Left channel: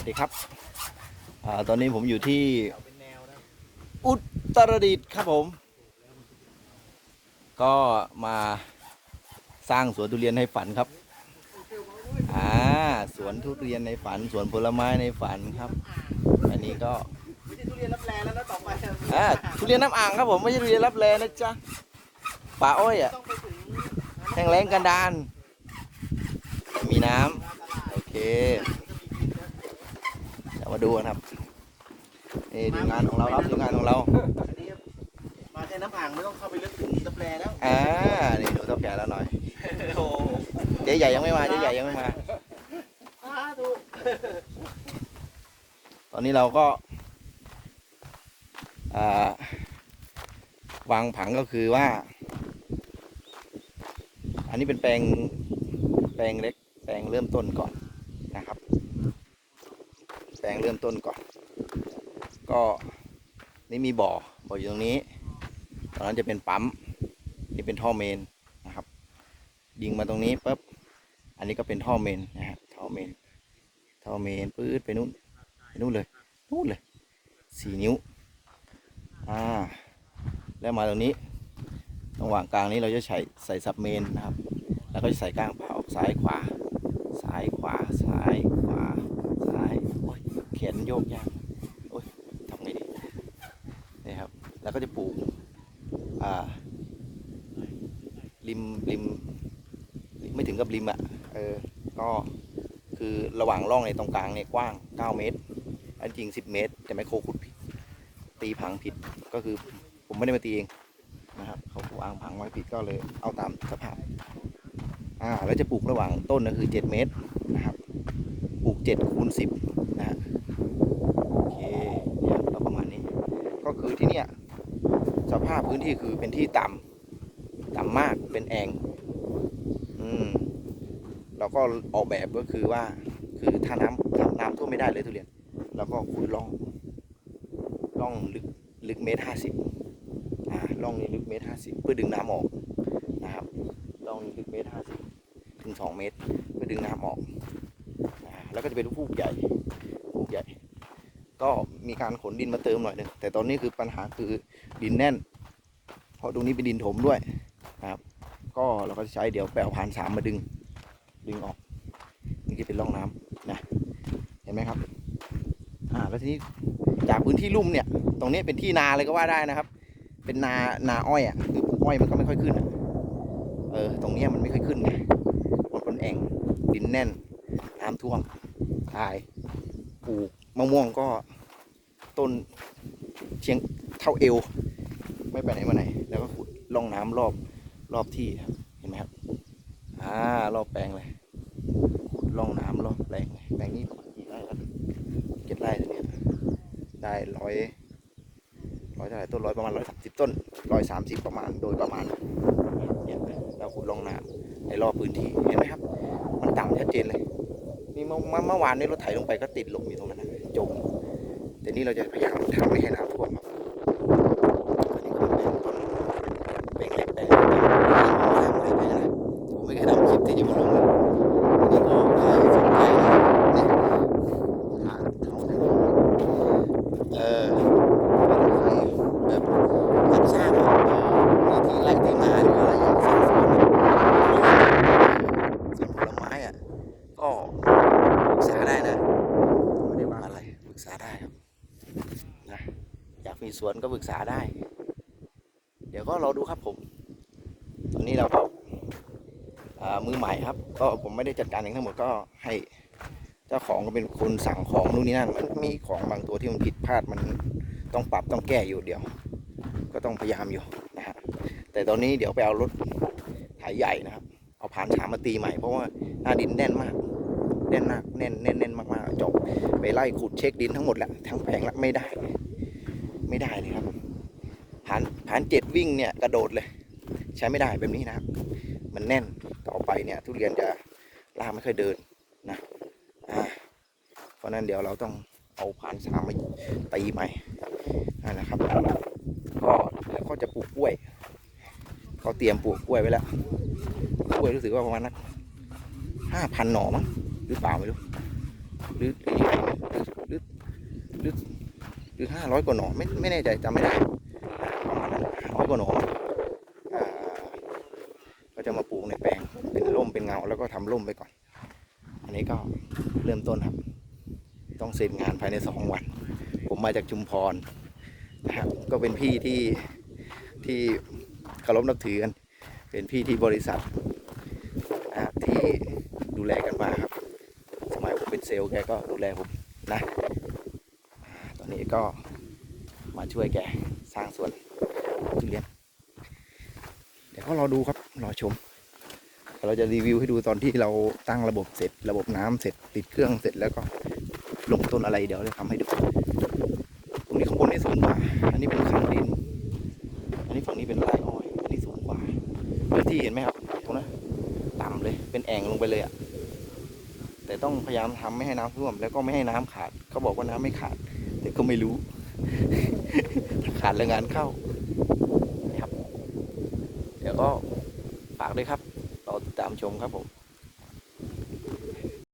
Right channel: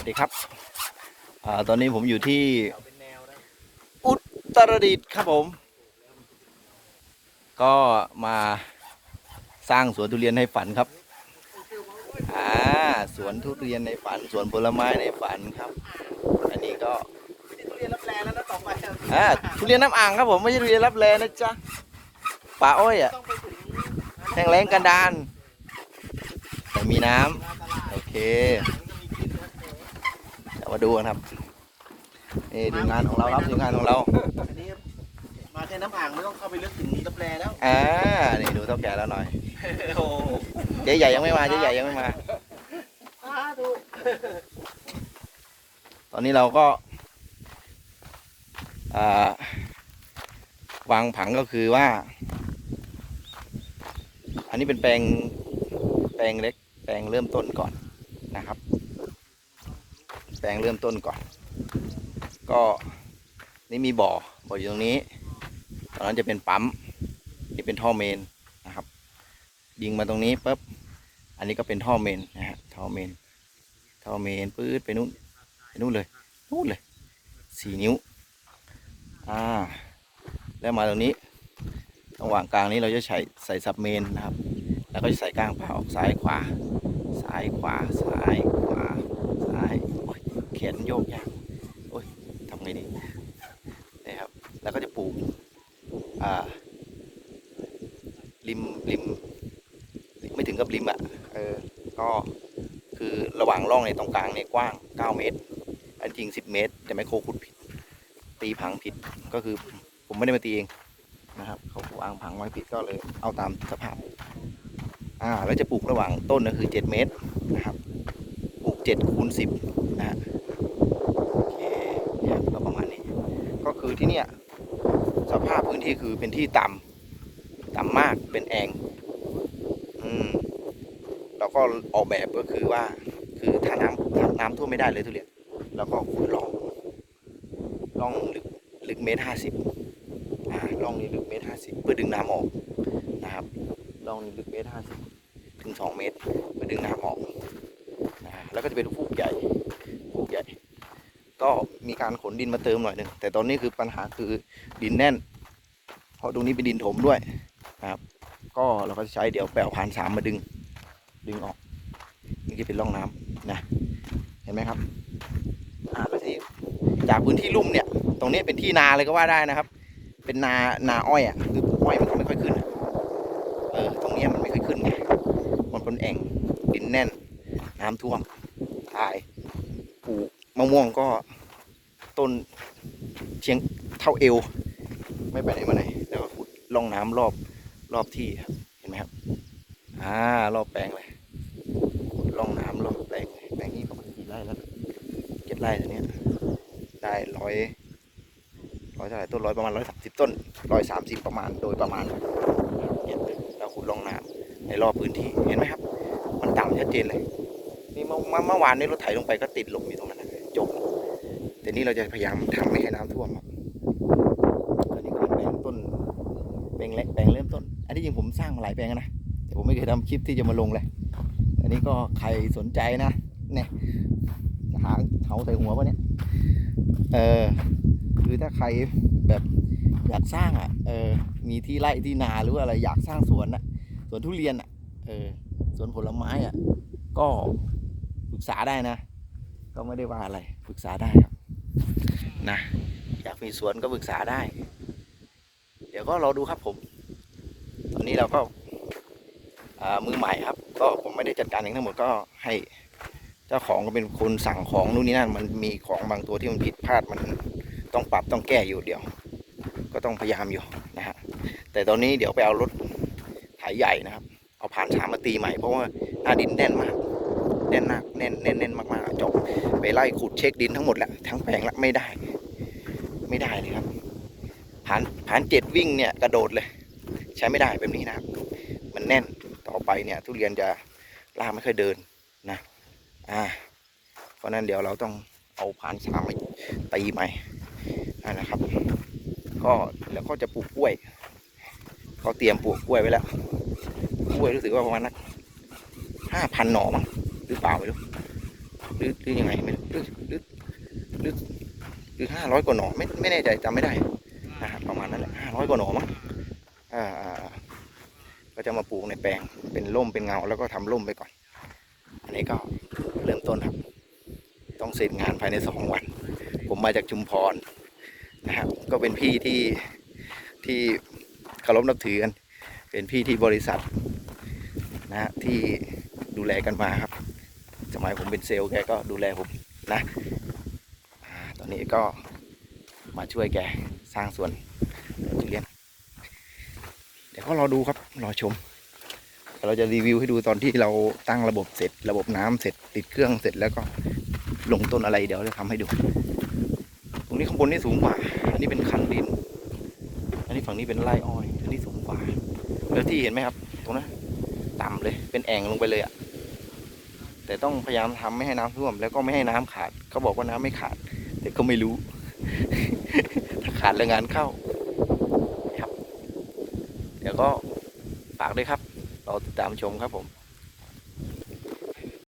วัสดีครับอ่าตอนนี้ผมอยู่ที่เป็นแนวได้อุตรดิตถ์ครับผม ก็มาสร้างสวนทุเรียนให้ฝันครับอ่าสวนทุเรียนในฝัน สวนผลไม้ในฝันครับ อันนี้ก็ไม่ได้ทุเรียนรับแลแล้วนะต่อไปอะอ่าทุเรียนน้ำอ่างครับผมไม่ใช่ทุเรียนรับแลนะจ๊ะป่าอ้อยอะต้องไปถึงแห้งแล้งกันดานแต่มีน้ำโอเคเดี๋ยว มาดูกันครับนี่ดูงานของเราครับดูงานของเราอันนี้มาแค่น้ำอ่างไม่ต้องเข้าไปลึกถึงรับแลแล้วอ่านี่ดูเท่าแก่แล้วหน่อยโอ้โหเจ๊ใหญ่ยังไม่มาเจ๊ใหญ่ยังไม่มาดูตอนนี้เราก็อ่าวางผังก็คือว่า อันนี้เป็นแปลงแปลงเล็ก แปลงเริ่มต้นก่อนนะครับ แปลงเริ่มต้นก่อน ก็นี่มีบ่อ บ่ออยู่ตรงนี้ ตอนนั้นจะเป็นปั๊ม นี่เป็นท่อเมนนะครับ ยิงมาตรงนี้ปุ๊บ อันนี้ก็เป็นท่อเมนนะฮะ ท่อเมน ท่อเมนปื๊ดไปนู่น ไปนู่นเลย นู่นเลย สี่นิ้ว อ่า แล้วมาตรงนี้ระหว่างกลางนี้เราจะใส่ใส่ซับเมนนะครับ แล้วก็จะใส่ก้างเผาซ้ายขวา ซ้ายขวา ซ้ายขวา ซ้าย แขนโยกยากโอ้ยทำไงดีนี่ครับ แล้วก็จะปลูกอ่าริมริมไม่ถึงกับริมอะเออก็คือระหว่างร่องในตรงกลางเนี่ยกว้าง 9 เมตร อันจริง 10 เมตร แต่ไมโครขุดผิด ตีผังผิดก็คือผมไม่ได้มาตีเองนะครับเขาวางผังไว้ผิดก็เลยเอาตามสภาพอ่าแล้วจะปลูกระหว่างต้นก็คือ 7 เมตรนะครับปลูก7คูณ10นะฮะ โอเค เนี่ยก็ประมาณนี้ ก็ คือที่เนี่ยสภาพพื้นที่คือเป็นที่ต่ำต่ำมากเป็นแอ่งอืมเราก็ออกแบบก็คือว่า คือถ้าน้ำถ้าน้ำท่วมไม่ได้เลยทุเรียนเราก็ขุดร่องร่องลึกลึกเมตรห้าสิบอ่าร่องนี้ลึกเมตรห้าสิบเพื่อดึงน้ำออกนะครับร่องนี้ลึกเมตรห้าสิบถึงสองเมตร เพื่อดึงน้ำออกนะแล้วก็จะเป็นฟูกใหญ่ฟูกใหญ่ ก็มีการขนดินมาเติมหน่อยหนึงแต่ตอนนี้คือปัญหาคือดินแน่น เพราะตรงนี้เป็นดินถมด้วยนะครับ ก็เราก็จะใช้เดี๋ยวแปลวผ่านสามมาดึง ดึงออกนี่คือเป็นร่องน้ำนะเห็นไหมครับอ่าแล้วทีจากพื้นที่ลุ่มเนี่ย ตรงนี้เป็นที่นาเลยก็ว่าได้นะครับ เป็นนานาอ้อยอะคือปลูกอ้อยมันก็ไม่ค่อยขึ้นอะเออตรงเนี้ยมันไม่ค่อยขึ้นไงมันเป็นแอ่งดินแน่นน้ำท่วมตายปลูก มะม่วงก็ต้นเชียงเท่าเอว ไม่ไปไหนมาไหน แล้วก็ขุดร่องน้ำรอบรอบที่ครับเห็นไหมครับอ่ารอบแปลงเลยขุดร่องน้ำรอบแปลงเลยแปลงนี้ประมาณกี่ไร่แล้วเจ็ดไร่ตัวเนี้ยได้ร้อยร้อยเท่าไหร่ต้นร้อยประมาณร้อยสามสิบต้นร้อยสามสิบประมาณโดยประมาณเก็บเลยเราขุดร่องน้ำในรอบพื้นที่เห็นไหมครับ มันต่ำชัดเจนเลยนี่เมื่อเมื่อวานนี้รถไถลงไปก็ติดหลมอยู่ตรงนั้นนะ จม แต่นี่เราจะพยายามทำไม่ให้น้ำท่วมครับอันนี้ก็เป็นต้นเป็นเล็กแปลงเล็กสร้างหลายแปลงนะผมไม่เคยทำคลิปที่จะมาลงเลยอันนี้ก็ใครสนใจนะเนี่ยหาเขาถึงหัวมันเนี่ยเออแล้วถ้าใครแบบอยากสร้างมีที่ไร่ที่นาหรืออะไรอยากสร้างสวนสวนผลไม้อะก็ปรึกษาได้นะ ว่าอะไรปรึกษาได้ครับนะอยากมีสวนก็ปรึกษาได้ เดี๋ยวก็รอดูครับผม ตอนนี้เราก็อ่ามือใหม่ครับ ก็ผมไม่ได้จัดการเองทั้งหมดก็ให้เจ้าของก็เป็นคนสั่งของนู่นนี่นั่นมันมีของบางตัวที่มันผิดพลาดมันต้องปรับต้องแก้อยู่เดียว ก็ต้องพยายามอยู่นะฮะแต่ตอนนี้เดี๋ยวไปเอารถไถใหญ่นะครับ เอาผ่านฉามมาตีใหม่เพราะว่าหน้าดินแน่นมาก แน่นมากแน่นแน่นแน่นมากๆจบไปไล่ขุดเช็คดินทั้งหมดแหละทั้งแปลงละไม่ได้ ไม่ได้เลยครับผ่านผ่านเจ็ดวิ่งเนี่ยกระโดดเลย ใช้ไม่ได้แบบนี้นะครับ มันแน่นต่อไปเนี่ย ทุเรียนจะลากไม่ค่อยเดินนะอ่าเพราะนั้นเดี๋ยวเราต้องเอาผ่านสามมาตีใหม่นั่นนะครับก็แล้วก็จะปลูกกล้วยก็เตรียมปลูกกล้วยไว้แล้วกล้วยรู้สึกว่าประมาณนักห้าพันหน่อมั้ง หรือเปล่าไม่รู้หรือหรือยังไงหรือหรือหรือหรือห้าร้อยกว่าหน่อไม่ไม่แน่ใจจำไม่ได้ประมาณนั้นแหละห้าร้อยกว่าหน่อมั้งอ่าก็จะมาปลูกในแปลงเป็นร่มเป็นเงาแล้วก็ทำร่มไปก่อน อันนี้ก็เริ่มต้นครับ ต้องเสร็จงานภายในสองวัน ผมมาจากชุมพรนะครับก็เป็นพี่ที่ที่เคารพนับถือกัน เป็นพี่ที่บริษัทนะฮะที่ดูแลกันมาครับ มัยผมเป็นเซลล์แกก็ดูแลผมนะตอนนี้ก็มาช่วยแกสร้างสวนทุเรียนเดี๋ยวก็รอดูครับรอชมเราจะรีวิวให้ดูตอนที่เราตั้งระบบเสร็จ ระบบน้ำเสร็จติดเครื่องเสร็จแล้วก็ลงต้นอะไรเดี๋ยวจะทำให้ดูตรงนี้ข้างบนนี่สูงกว่า อันนี้เป็นข้างดิน อันนี้ฝั่งนี้เป็นไร่อ้อย อันนี้สูงกว่าแล้วที่เห็นไหมครับ ตรงนั้นต่ำเลยเป็นแอ่งลงไปเลยอะ แต่ต้องพยายามทำไม่ให้น้ำท่วม แล้วก็ไม่ให้น้ำขาดเขาบอกว่าน้ำไม่ขาด แต่ก็ไม่รู้ ขาดแรงงานเข้าครับ เดี๋ยวก็ฝากด้วยครับ เราติดตามชมครับผม